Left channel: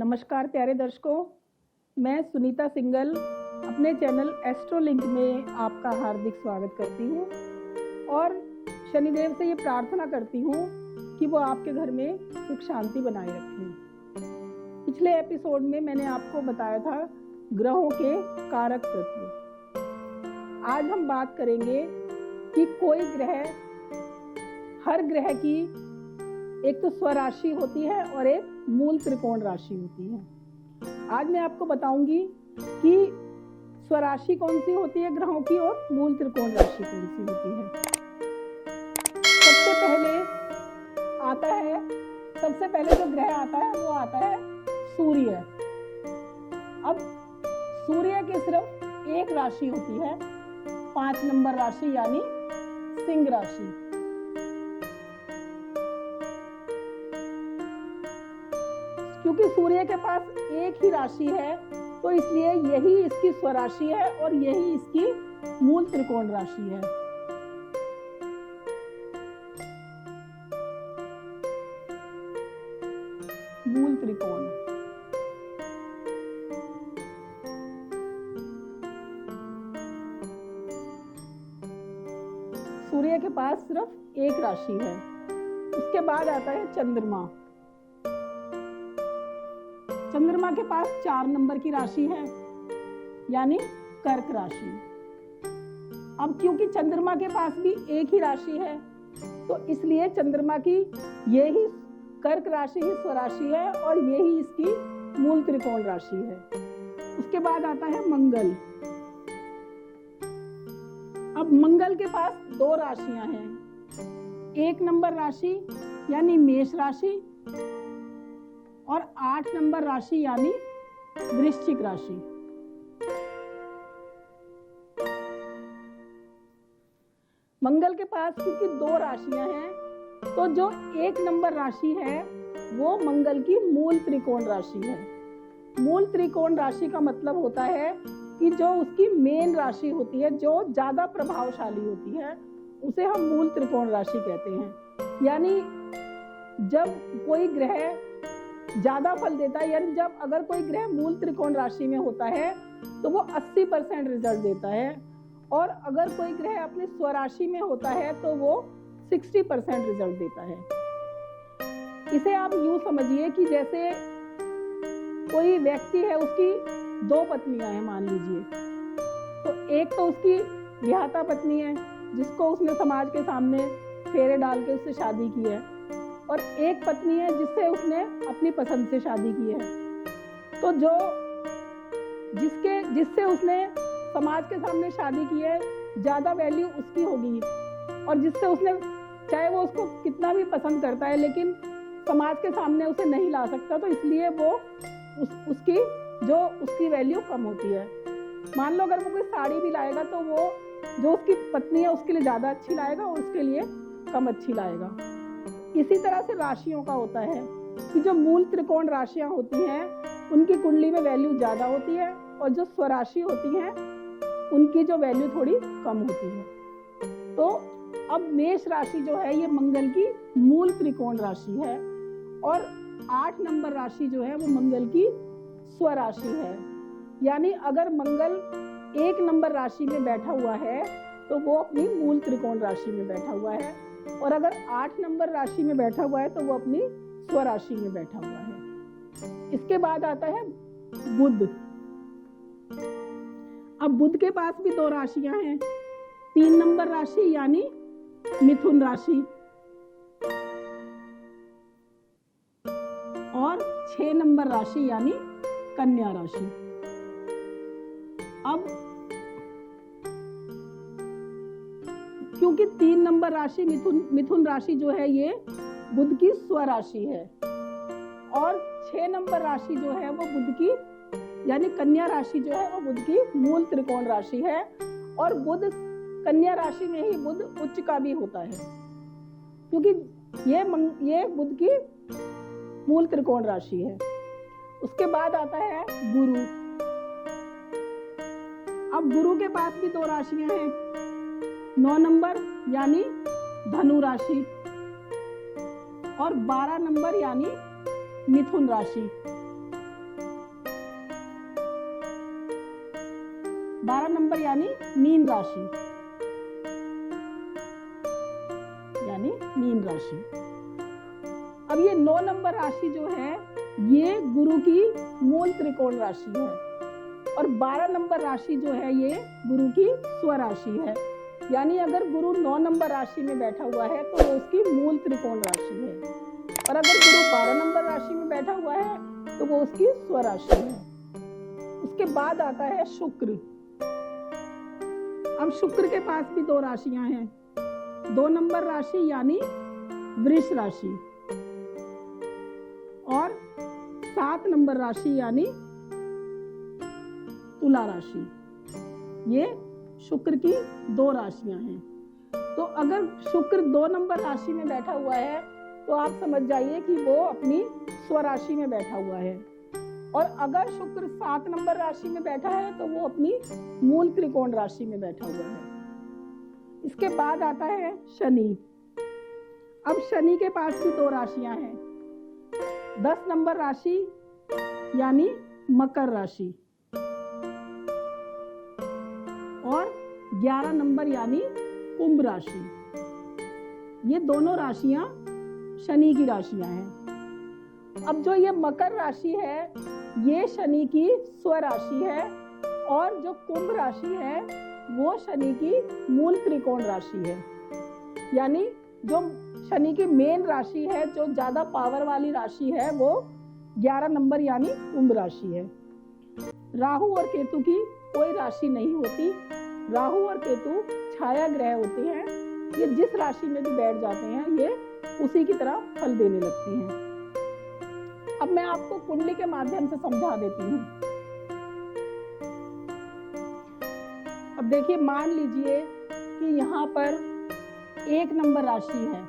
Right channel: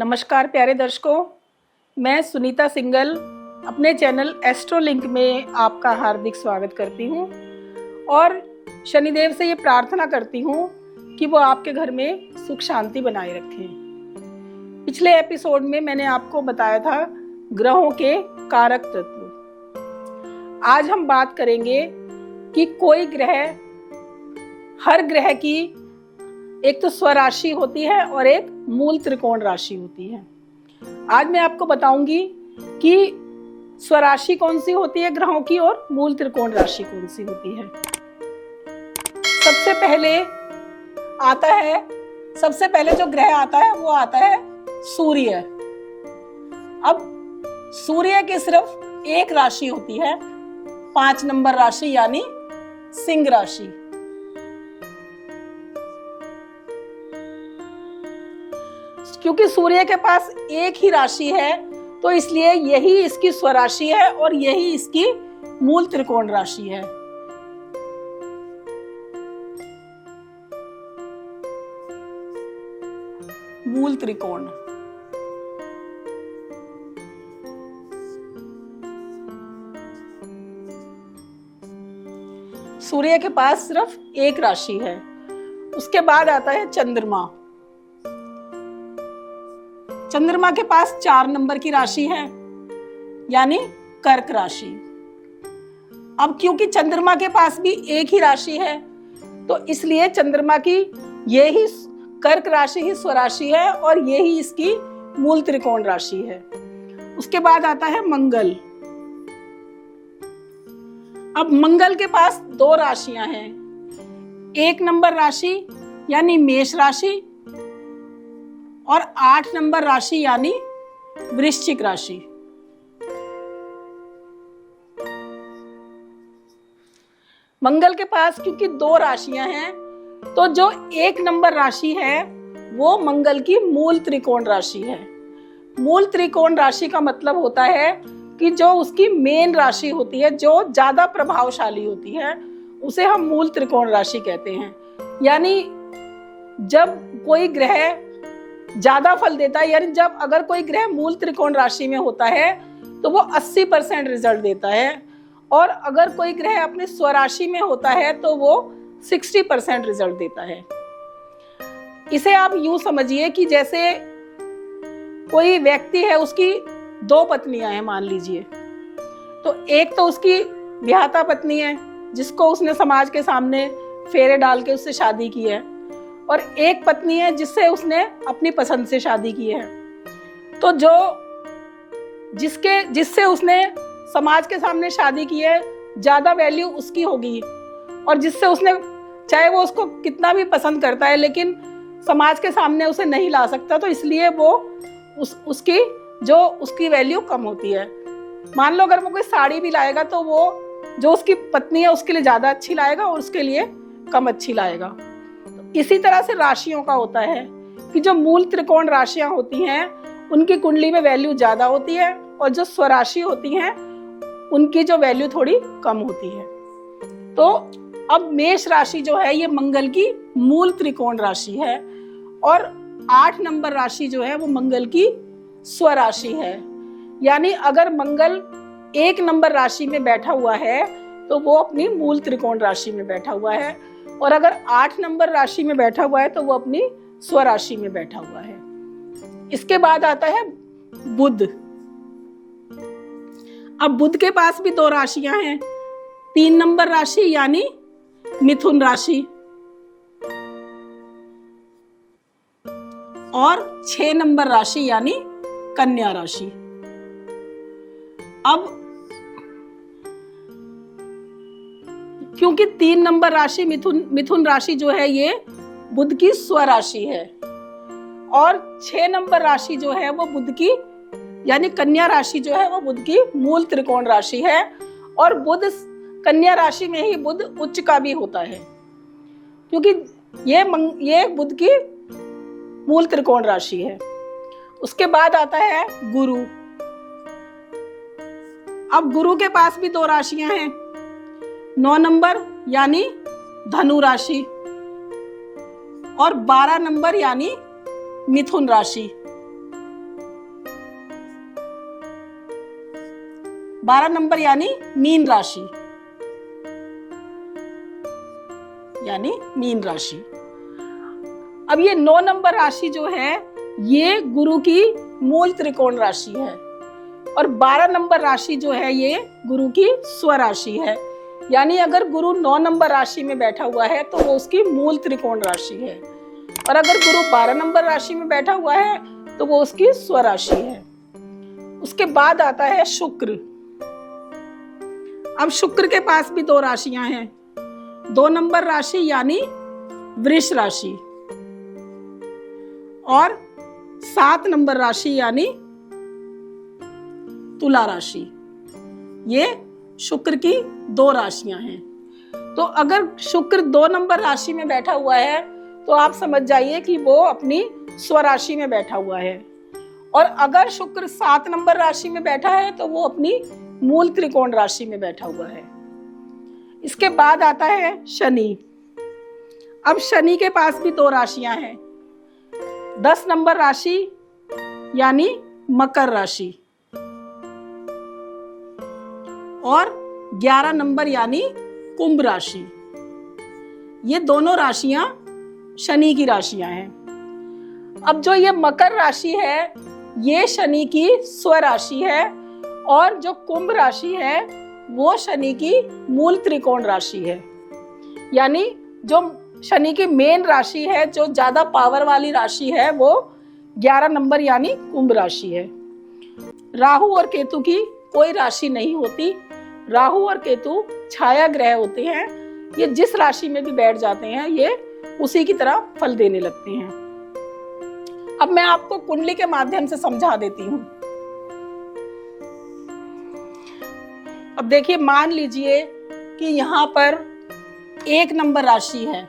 नमस्कार प्यारे दर्शकों, मैं सुनीता सिंगल अपने चैनल एस्ट्रोलिंक में आपका हार्दिक स्वागत करती हूँ और शनिदेव से ये प्रार्थना करती हूँ कि वो आपके घर में सुख शांति बनाए रखें। पिछले एपिसोड में मैंने आपको बताया था ग्रहों के कारक तत्व। आज हम बात करेंगे कि कोई ग्रह, हर ग्रह की एक तो स्वराशि होती है और एक मूल त्रिकोण राशि होती है। आज मैं आपको बताऊंगी कि स्वराशि कौन सी होती है ग्रहों की और मूल त्रिकोण राशि कौन सी होती है। सबसे पहले जो ग्रह आता है वो आता है सूर्य। अब सूर्य की सिर्फ एक राशि होती है, 5 नंबर राशि यानी सिंह राशि। क्योंकि सूर्य के पास एक ही राशि है तो इसलिए यही इसकी स्वराशि है और यही इसकी मूल त्रिकोण राशि है। मूल त्रिकोण सूर्य के पास सिर्फ एक राशि है। उसके बाद आता है चंद्रमा। चंद्रमा के पास 4 नंबर की राशि है यानी कर्क राशि। अब क्योंकि चंद्रमा के पास भी एक ही राशि है तो इसलिए चंद्रमा की यही कर्क राशि ही स्वराशि है और यही इसकी मूल त्रिकोण राशि है। उसके बाद आता है मंगल। अब मंगल के पास 2 राशियां हैं, 1 नंबर राशि यानी मेष राशि और 8 नंबर राशि यानी वृश्चिक राशि। मंगल के पास क्योंकि 2 राशियां हैं तो जो 1 नंबर राशि है वो मंगल की मूल त्रिकोण राशि है। मूल त्रिकोण राशि का मतलब होता है कि जो उसकी मेन राशि होती है, जो ज्यादा प्रभावशाली होती है, उसे हम मूल त्रिकोण राशि कहते हैं। यानी जब कोई ग्रह ज्यादा फल देता है, यानी जब अगर कोई ग्रह मूल त्रिकोण राशि में होता है तो वो 80% रिजल्ट देता है और अगर कोई ग्रह अपने स्वराशि में होता है तो वो 60% रिजल्ट देता है। इसे आप यूं समझिए कि जैसे कोई व्यक्ति है, उसकी 2 पत्नियां हैं मान लीजिए, तो एक तो उसकी विवाहिता पत्नी है जिसको उसने समाज के सामने फेरे डाल के उससे शादी की है और एक पत्नी है जिससे उसने अपनी पसंद से शादी की है। तो जो जिससे उसने समाज के सामने शादी की है ज्यादा वैल्यू उसकी होगी और जिससे उसने, चाहे वो उसको कितना भी पसंद करता है लेकिन समाज के सामने उसे नहीं ला सकता, तो इसलिए वो उसकी वैल्यू कम होती है। मान लो अगर वो कोई साड़ी भी लाएगा तो वो जो उसकी पत्नी है उसके लिए ज्यादा अच्छी लाएगा और उसके लिए कम अच्छी लाएगा। इसी तरह से राशियों का होता है कि जो मूल त्रिकोण राशियां होती हैं उनकी कुंडली में वैल्यू ज्यादा होती है और जो स्वराशि होती हैं उनकी जो वैल्यू थोड़ी कम होती है। तो अब मेष राशि जो है ये मंगल की मूल त्रिकोण राशि है और 8 नंबर राशि जो है वो मंगल की स्वराशि है। यानी अगर मंगल 1 नंबर राशि में बैठा हुआ है तो वो अपनी मूल त्रिकोण राशि में बैठा हुआ है और अगर 8 नंबर राशि में बैठा हुआ है तो वो अपनी स्वराशि में बैठा हुआ है। इसके बाद आता है बुध। अब बुध के पास भी 2 राशियां हैं, 3 नंबर राशि यानी मिथुन राशि और 6 नंबर राशि यानी कन्या राशि। अब क्योंकि 3 नंबर राशि मिथुन राशि जो है ये बुध की स्वराशि है और 6 नंबर राशि जो है वो बुध की यानी कन्या राशि जो है वो बुध की मूल त्रिकोण राशि है और बुध कन्या राशि में ही बुध उच्च का भी होता है क्योंकि ये बुध की मूल त्रिकोण राशि है। उसके बाद आता है गुरु। अब गुरु के पास भी 2 राशियां हैं, 9 नंबर यानी धनु राशि और 12 नंबर यानी मिथुन राशि। 12 नंबर यानी मीन राशि, यानी मीन राशि। अब ये 9 नंबर राशि जो है ये गुरु की मूल त्रिकोण राशि है, और 12 नंबर राशि जो है ये गुरु की स्वराशि है। यानी अगर गुरु 9 नंबर राशि में बैठा हुआ है तो वो उसकी मूल त्रिकोण राशि है, और अगर गुरु 12 नंबर राशि में बैठा हुआ है तो वो उसकी स्वराशि है। उसके बाद आता है शुक्र। अब शुक्र के पास भी 2 राशियां हैं, 2 नंबर राशि यानी वृष राशि, और 7 नंबर राशि यानी तुला राशि। ये शुक्र की 2 राशियां हैं। तो अगर शुक्र 2 नंबर राशि में बैठा हुआ है तो आप समझ जाइए कि वो अपनी स्वराशि में बैठा हुआ है, और अगर शुक्र 7 नंबर राशि में बैठा है तो वो अपनी मूल त्रिकोण राशि में बैठा हुआ है। इसके बाद आता है शनि। अब शनि के पास भी 2 राशियां हैं, 10 नंबर राशि यानी मकर राशि, और 11 नंबर यानी कुंभ राशि। ये दोनों राशियां शनि की राशियां हैं। अब जो ये मकर राशि है ये शनि की स्वराशि है, और जो कुंभ राशि है वो शनि की मूल त्रिकोण राशि है। यानी जो शनि की मेन राशि है, जो ज्यादा पावर वाली राशि है, वो 11 नंबर यानी कुंभ राशि है। राहु और केतु की कोई राशि नहीं होती, राहु और केतु छाया ग्रह होते हैं। ये जिस राशि में भी बैठ जाते हैं ये उसी की तरह फल देने लगते हैं। अब मैं आपको कुंडली के माध्यम से समझा देती हूँ। अब देखिए, मान लीजिए कि यहाँ पर 1 नंबर राशि है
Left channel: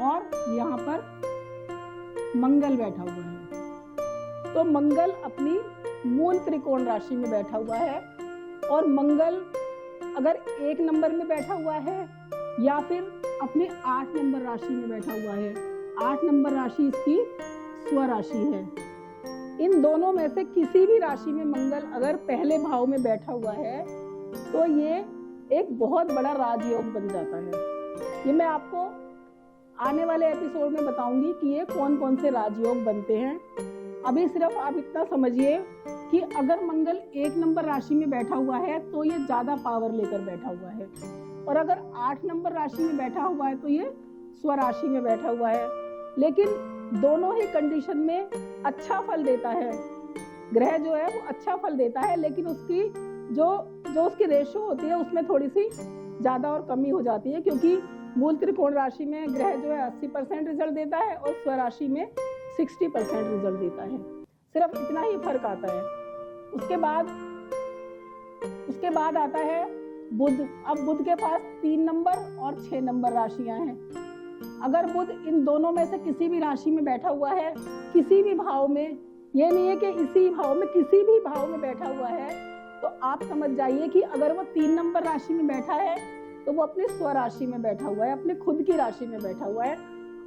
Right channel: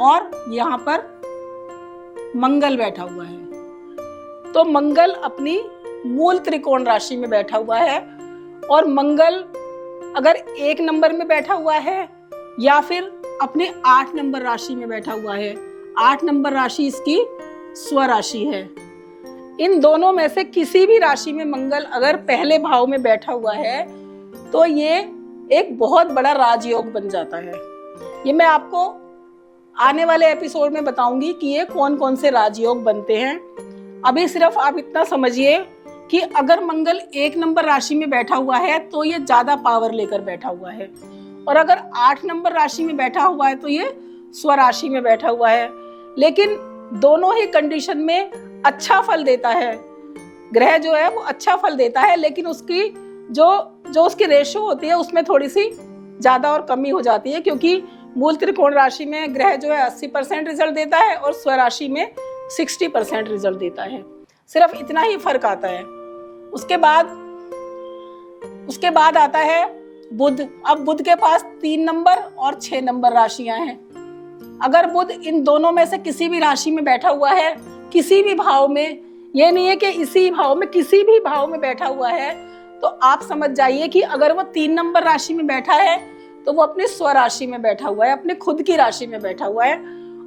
और यहाँ पर मंगल बैठा हुआ है। तो मंगल अपनी मूल त्रिकोण राशि में बैठा हुआ है, और मंगल अगर 1 नंबर में बैठा हुआ है या फिर अपने 8 नंबर राशि में बैठा हुआ है, 8 नंबर राशि इसकी स्वराशि है। इन दोनों में से किसी भी राशि में मंगल अगर पहले भाव में बैठा हुआ है तो ये एक बहुत बड़ा राजयोग बन जाता है। ये मैं आपको आने वाले एपिसोड में बताऊंगी कि ये कौन कौन से राजयोग बनते हैं। अभी सिर्फ आप इतना समझिए कि अगर मंगल 1 नंबर राशि में बैठा हुआ है तो ये ज्यादा पावर लेकर बैठा हुआ है, और अगर 8 नंबर राशि में बैठा हुआ है तो ये स्वराशि में बैठा हुआ है। लेकिन दोनों ही कंडीशन में अच्छा फल देता है, ग्रह जो है वो अच्छा फल देता है, लेकिन उसकी जो उसकी रेशो होती है उसमें थोड़ी सी ज्यादा और कमी हो जाती है, क्योंकि मूल त्रिकोण राशि में ग्रह जो है 80% रिजल्ट देता है और स्वराशि में 60% रिजल्ट देता है। सिर्फ इतना ही फर्क आता है। उसके बाद आता है बुध। अब बुध के पास 3 नंबर और 6 नंबर राशियां हैं। अगर बुध इन दोनों में से किसी भी राशि में बैठा हुआ है, किसी भी भाव में, ये नहीं है कि इसी भाव में, किसी भी भाव में बैठा हुआ है, तो आप समझ जाइए कि अगर वो 3 नंबर राशि में बैठा है तो वो अपनी स्वराशि में बैठा हुआ है, अपने खुद की राशि में बैठा हुआ है,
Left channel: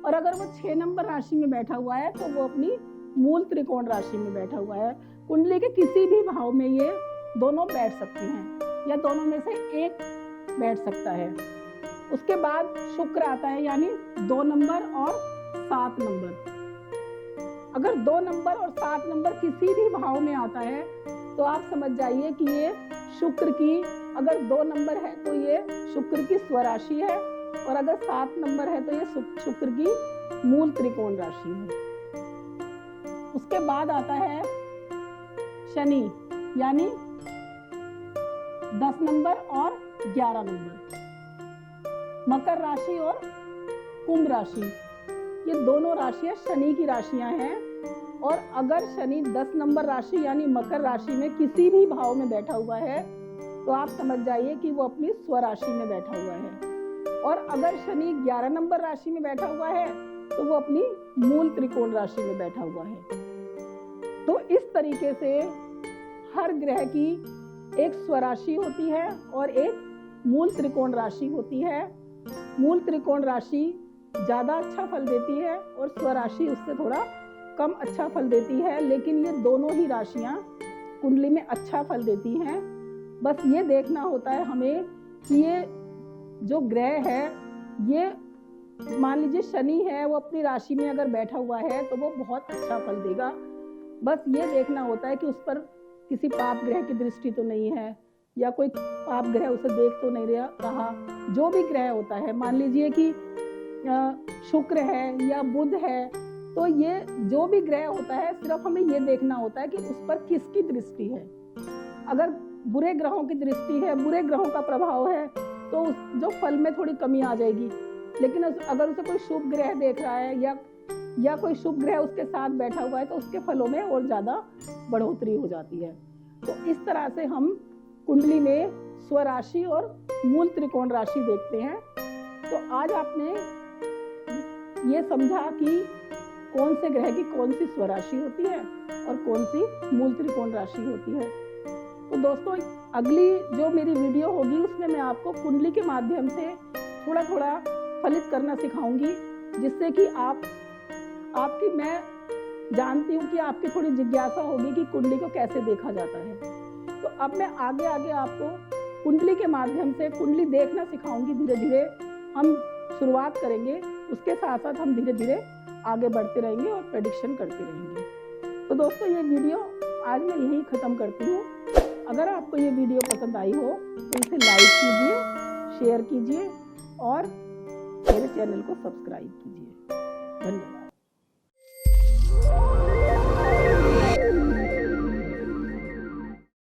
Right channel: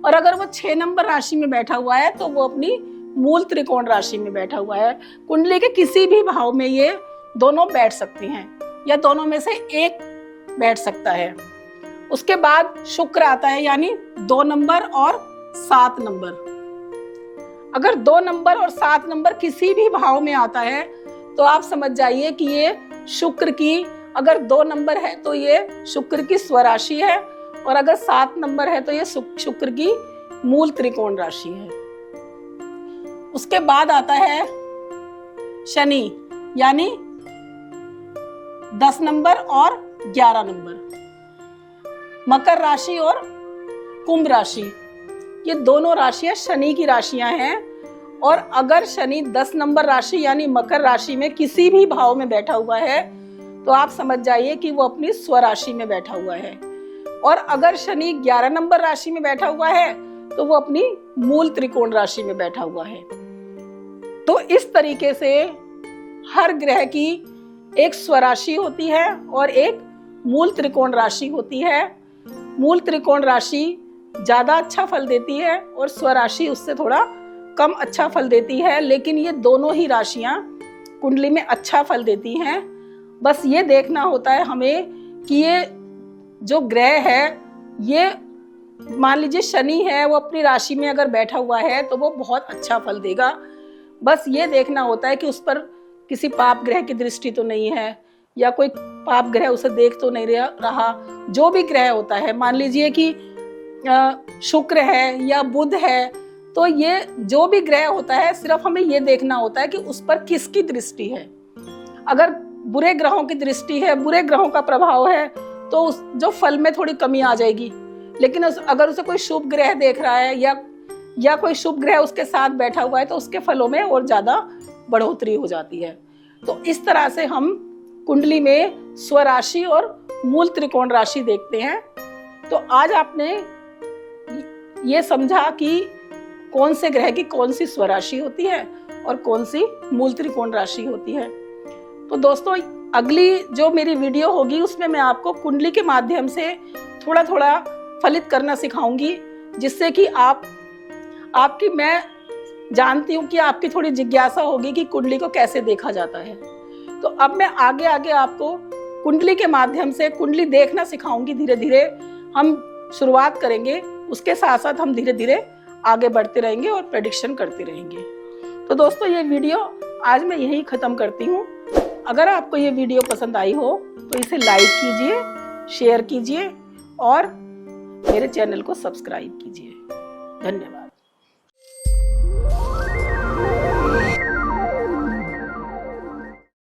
और अगर वो 6 नंबर राशि में बैठा हुआ है तो वो अपनी मूल त्रिकोण राशि में बैठा हुआ है। कुंडली के किसी भी भाव में ये दोनों बैठ सकते हैं, या दोनों में से एक बैठ सकता है। उसके बाद शुक्र आता है, यानी 2 नंबर और 7 नंबर। अगर 2 नंबर और 7 नंबर किसी भी भाव में आता है तो आप समझ जाइए कि ये शुक्र की, अगर 2 नंबर है तो ये शुक्र की स्वराशि है, और अगर 7 नंबर है तो ये शुक्र की मूल त्रिकोण राशि है। उसके बाद आता है शनि, यानी 10 नंबर और 11 नंबर। मकर राशि और कुंभ राशि, ये दोनों राशियां शनि की राशियां हैं, और अगर शनि 10 नंबर राशि यानी मकर राशि में किसी भी भाव में बैठा हुआ है तो आप समझ जाइए कि वो अपनी स्वराशि में बैठा हुआ है, और अगर शनि 11 नंबर राशि में बैठा हुआ है तो वो अपनी मूल त्रिकोण राशि में बैठा हुआ है। तो इस तरीके से हर ग्रह की एक स्वराशि होती है और एक मूल त्रिकोण राशि होती है। मूल त्रिकोण राशि ज्यादा अच्छा फल देती है और स्वराशि उससे थोड़ा कम अच्छा फल देती है, लेकिन ये दोनों ही राशियां कुंडली में अच्छा फल देती हैं। बस ये देखना होता है हमें कि ये जो ग्रह है, ये मान लीजिए शनि है, वो अपनी राशि में अगर बैठा हुआ है तो वो बहुत अच्छा फल देगा। बस ये देखना होता है कि उस पर किसी पाप ग्रह की दृष्टि तो नहीं है, या कोई पाप ग्रह उसे देख तो नहीं रहा। जो भी ग्रह होता है, मान लीजिए कि शुक्र है या बुध है, तो ये जो भी ग्रह होता है, सिर्फ हमें ये देखना होता है कि उस पर किसकी दृष्टि है। अगर बुरे ग्रहों की दृष्टि है, बुरे ग्रहों का प्रभाव है, तो उस जो फल में थोड़ी कमी आ जाएगी। लेकिन अगर उसे कोई शुभ ग्रह देख रहा है या कोई शुभ ग्रह उसके साथ बैठा हुआ है, तो उसके फलों में और ज्यादा बढ़ोतरी हो जाती है। तो इस तरह से हम कुंडली में स्वराशि और मूल त्रिकोण राशि देखते हैं। तो आज आपने ये समझा कि कौन से ग्रह की कौन सी स्वराशि होती है और कौन सी मूल त्रिकोण राशि होती है। तो दोस्तों, अगली जो मेरी वीडियो होगी उसमें मैं आपको कुंडली के माध्यम से थोड़ा थोड़ा फलित करना सिखाऊंगी, जिससे कि आपकी मैं जानती हूँ कि आपकी थोड़ी जिज्ञासा होगी कि कुंडली को कैसे देखा जाता है। तो अब मैं आगे आगे आपको कुंडली के माध्यम से कुंडली देखना सिखाऊंगी। धीरे धीरे हम शुरुआत करेंगे, उसके साथ साथ हम धीरे धीरे आगे बढ़ते रहेंगे और प्रेडिक्शन करते रहेंगे। तो दोस्तों, ये वीडियो आज मैं यहीं ख़त्म करती हूँ। अगर आपको ये वीडियो पसंद आई हो तो इसे लाइक कीजिए, शेयर कीजिए और मेरे चैनल को सब्सक्राइब कीजिए। धन्यवाद।